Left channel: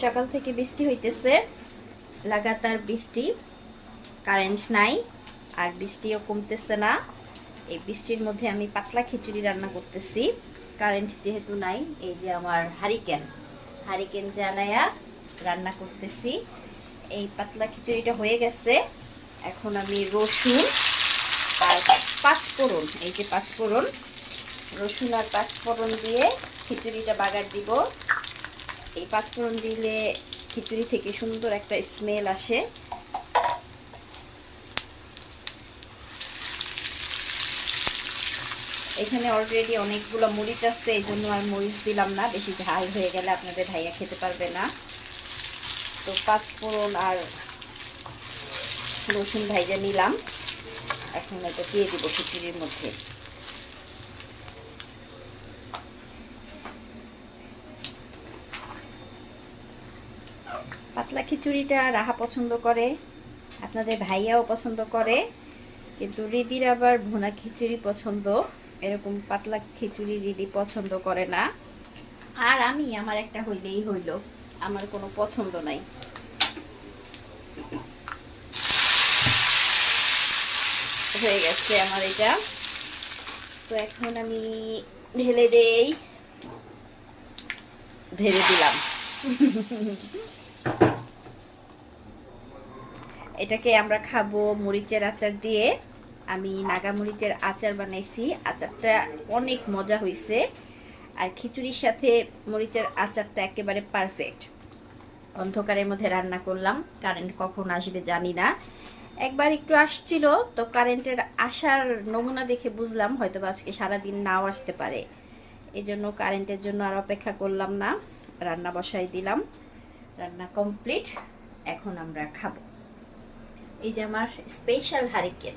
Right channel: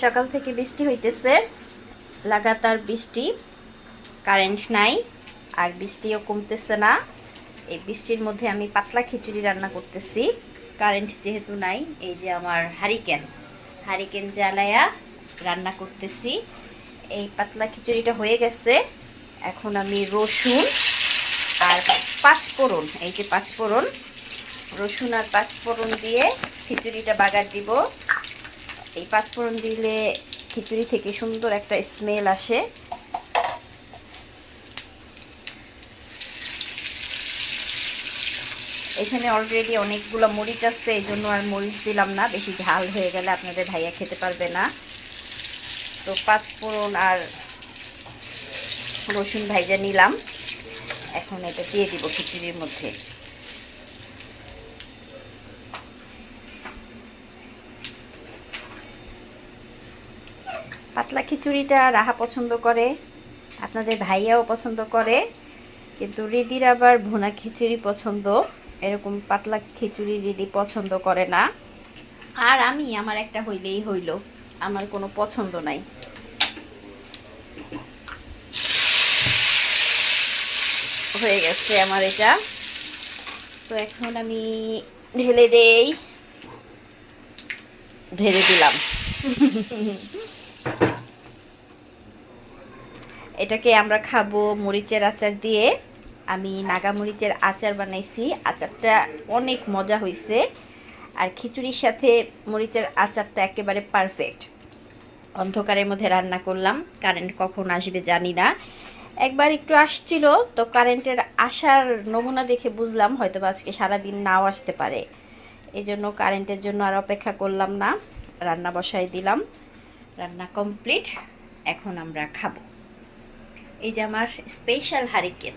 সকাল থেকে বৃষ্টি হইতেছে, লাগাতার বৃষ্টি, কারেন্ট নাই আর বৃষ্টিও কমতেছে না। এই বৃষ্টির মধ্যে আমি পাতলা খিচুড়ি রান্না করতেছি। কারেন্ট যেহেতু নাই, এই যে আমার হারিকেন জ্বালায়া রান্না করতেছি। এই পাতলা খিচুড়িটা হয়ে গেছে। এখন আমি রসুন আর পাঁচফোড়ন, এই যে পাঁচফোড়ন, রসুন আর পাঁচফোড়ন দিয়ে খিচুড়িটা বাগার দিব। এই পাঁচফোড়ন দিলে খিচুড়ি থেকে সুন্দর একটা স্মেল আসে। এখানে অলরেডি অনেকগুলো মরিচ আছে, এই জন্য আর মরিচ দিলাম না, বেশি ঝাল হয়ে গেলে আপনাদের ভাইয়া খেতে পারবে না। তো পাঁচফোড়ন আর রসুন ভাইজা নিলাম, এখন এটা দিয়ে দিব খিচুড়ির মধ্যে। পাতলা খিচুড়িটা রাহা পছন্দ করে, আপনাদের ভাইয়াও পছন্দ করে, কিন্তু রিদির আবার ভুনা খিচুড়ি পছন্দ। এরকম পাতলা খিচুড়ি রিদি পছন্দ করে না। আর আমি আমার একটা হইলেই হইল, আমার কোনো পছন্দ নাই। হয়ে গেছে আমার এটা। তো এখন আমি ঢেলে দিলাম। এটাকে আমরা খাবো মরিচের আচার দিয়ে। আমি নাগা মরিচের আচার বানাইছি, আচারটা অনেক মজা হয়েছে। আর খিচুড়ির সাথে মরিচের আচারটা একেবারে পারফেক্ট। অন্ধকারের মধ্যে রান্না করলাম, কারেন্ট কখন আসবে জানি না। একবার একটু আসছিল, তো কারেন্টের আসার নমুনা দেখে বুঝলাম হয়তো আজকে সারাদিন নাও আসতে পারে। এই জন্য কারেন্টের জন্য আর অপেক্ষা করলাম না, রান্না বসাই দিলাম। রান্না কমপ্লিট, এখন আমরা খাবো। এই যে আমার স্পেশাল হারিকেন।